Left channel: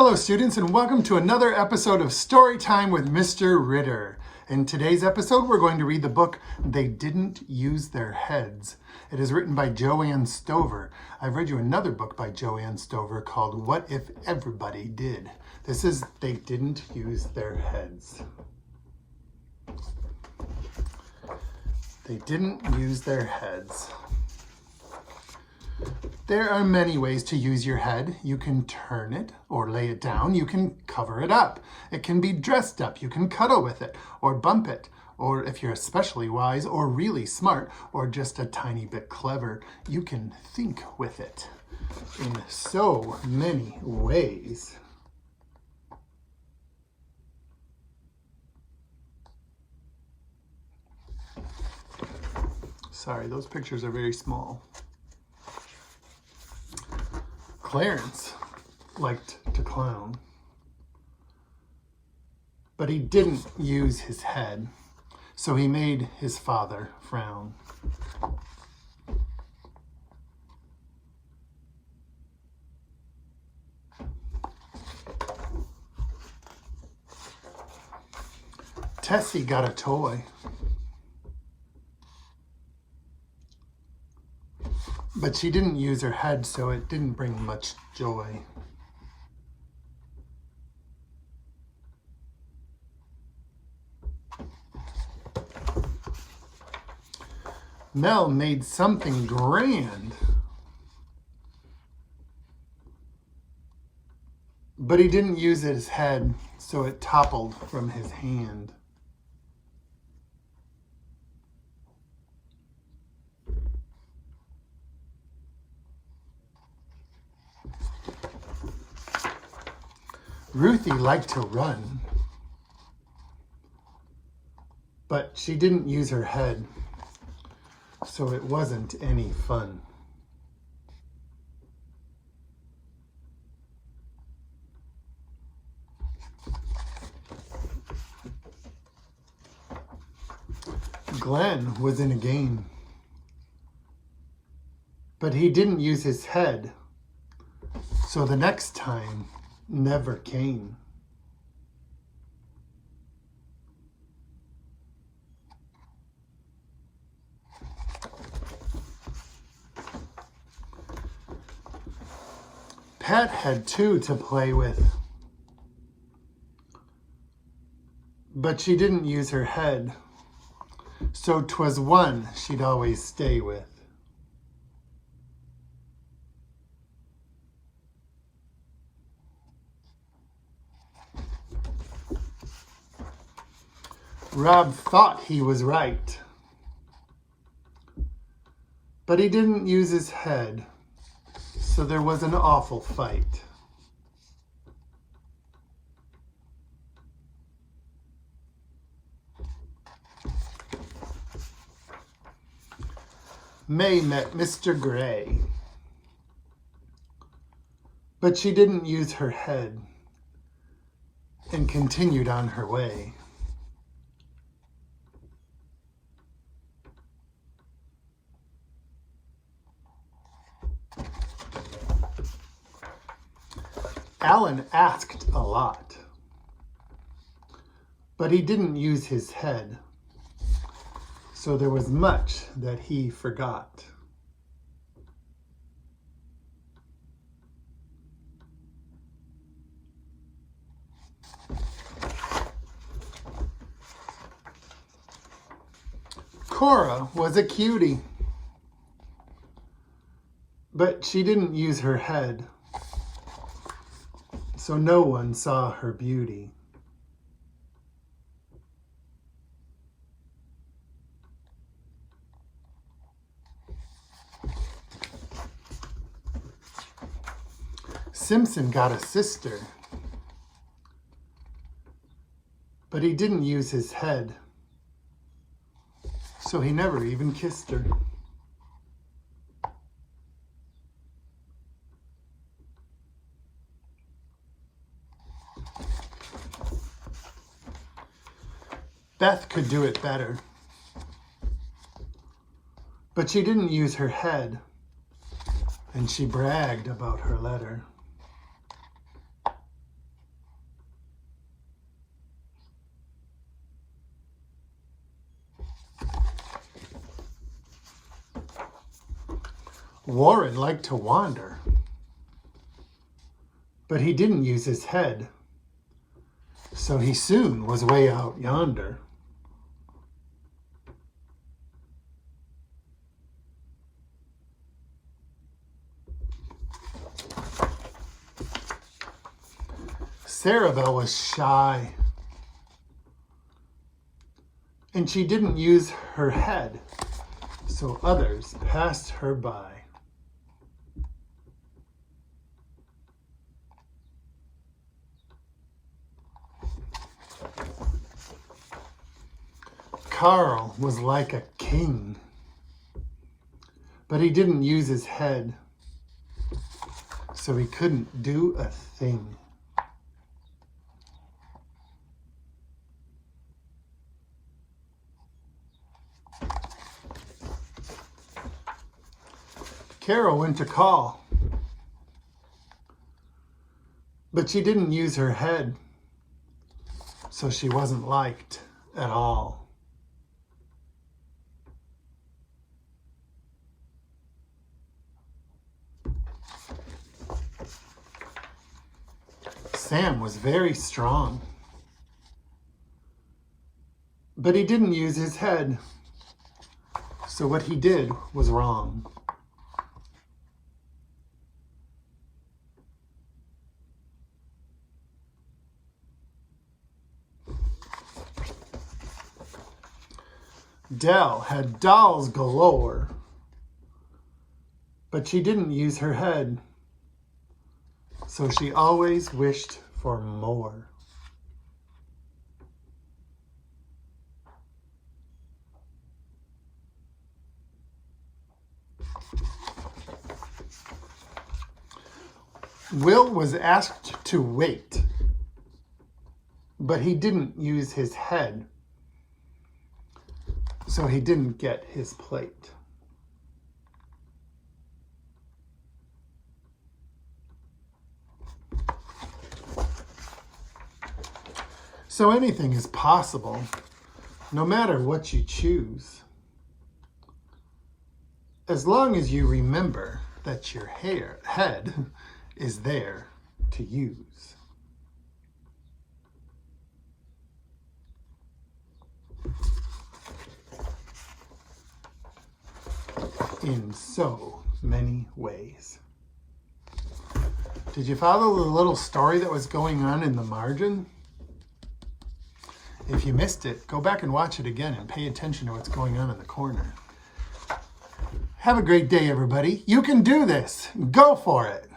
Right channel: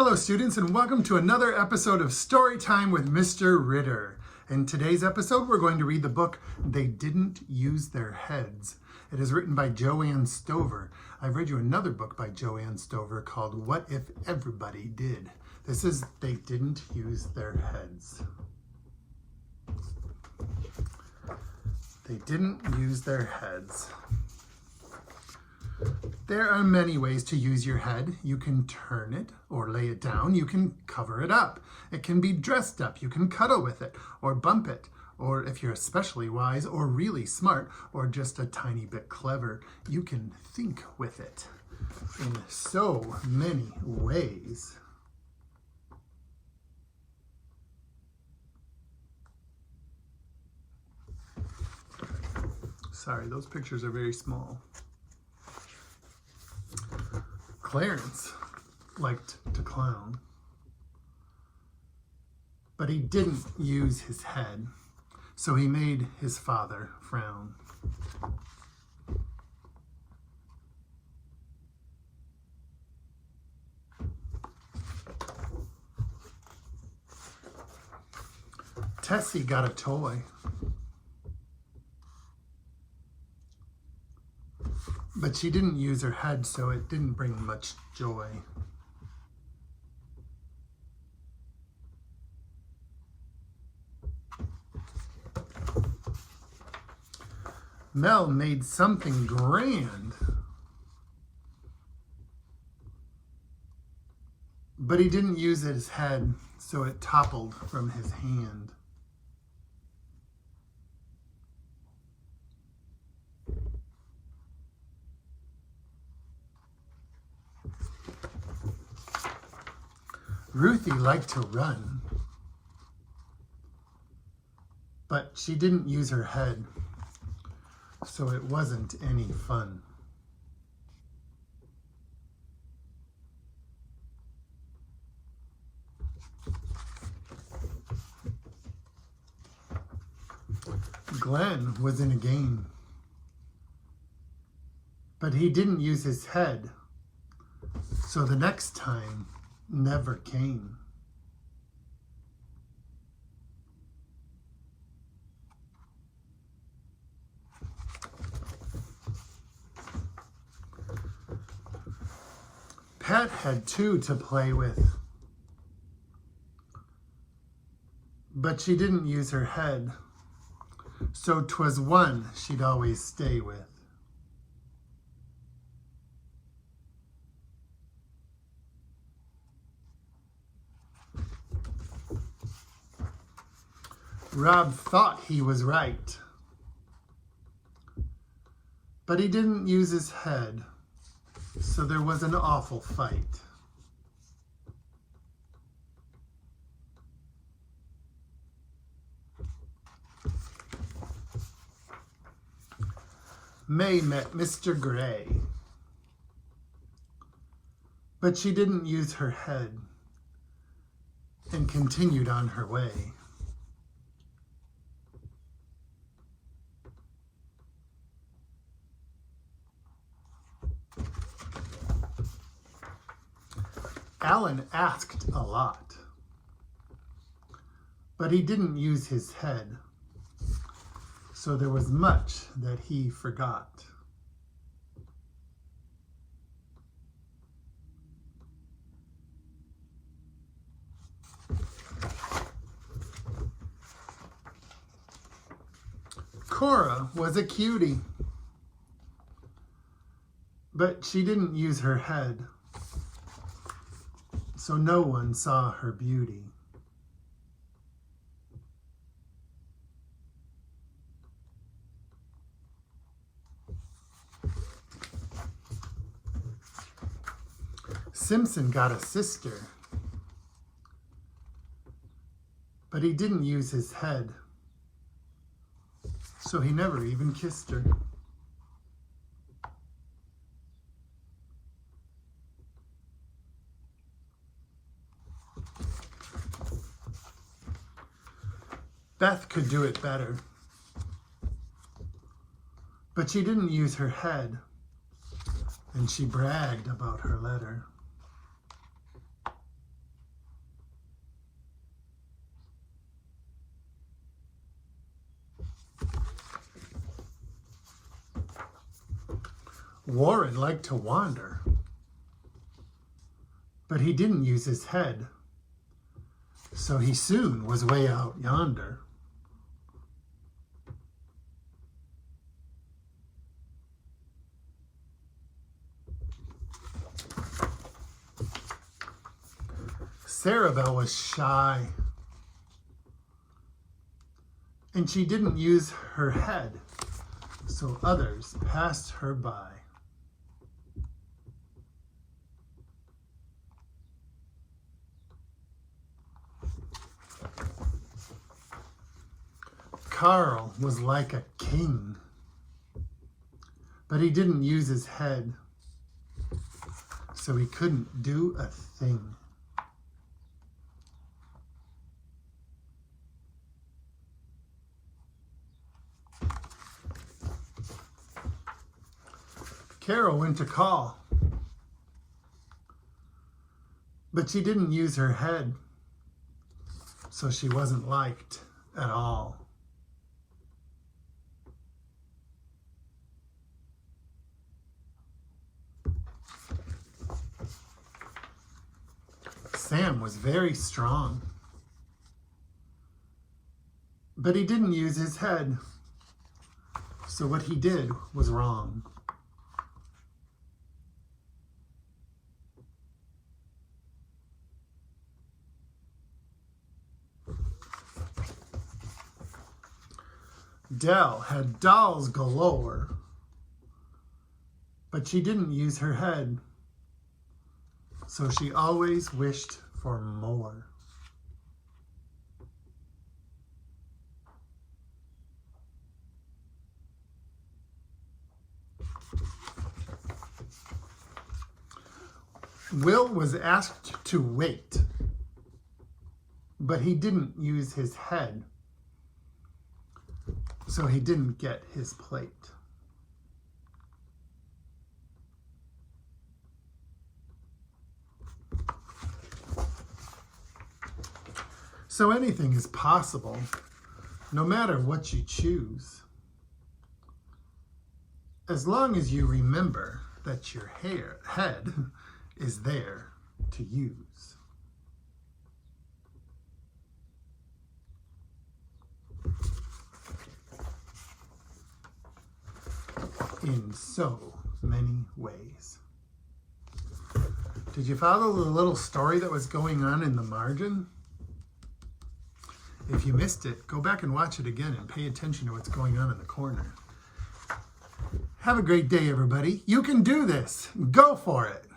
Hello students, and welcome to another episode of Story Time with Mr. Ritter. In today's episode, we're going to read the book, They Didn't Use Their Heads. It is written by Joanne Stover. I've read you another book by Joanne Stover called What If Everybody Did? This is They Didn't Use Their Heads. They didn't use their heads. There are many ways to use your head. You can turn it or lay it down. You can cover it up. It can be dressed up. You can cuddle with it or bump it. Or if you're especially wise or really smart or just a tiny bit clever, you can think with it in so many ways. Sorry, those pictures are very small. Clarence liked to clown, but he didn't use his head, so he made his father frown. Tessie got a toy, but she didn't use her head, so it didn't bring much joy. Mel made something grand, but he didn't use his head, so it toppled from his hand. Ruthie liked to run, but she didn't use her head, so it wasn't any fun. Glenn was in a game, but he didn't use his head, so the next time never came. Pat had two to play with, but she didn't use her head, so 'twas one she'd always stay with. Rob thought he was right, but he didn't use his head, so there was an awful fight. May met Mr. Gray, but she didn't use her head and continued on her way. Alan asked a lot, but he didn't use his head, so there was much that he forgot. Cora was a cutie, but she didn't use her head, so no one saw her beauty. Simpson got a sister, but he didn't use his head, so he never even kissed her. Beth could do it better, but she didn't use her head, and she bragged about her letter. Warren liked to wander, but he didn't use his head, so he soon was way out yonder. Sarabelle was shy, and she didn't use her head, so others passed her by. Carl was like a king, but he didn't use his head, so he couldn't do a thing. Carol went to call, but she didn't use her head, so she wasn't liked at all. Sam was very strong, but he didn't use his head, so what he did was wrong. Dell had dolls galore, but she didn't use her head, so she always wished for more. Will was asked to wait, but he didn't use his head, so he didn't get his plate. So anything is possible, no matter what you choose, as long as you remember that your head is there to use. In so many ways. Did you follow the little story that was going on in the margin? If you missed it, go back and watch it again and pay attention to what's going on in the corner. Have a great day, everybody. You can do this. Go for it.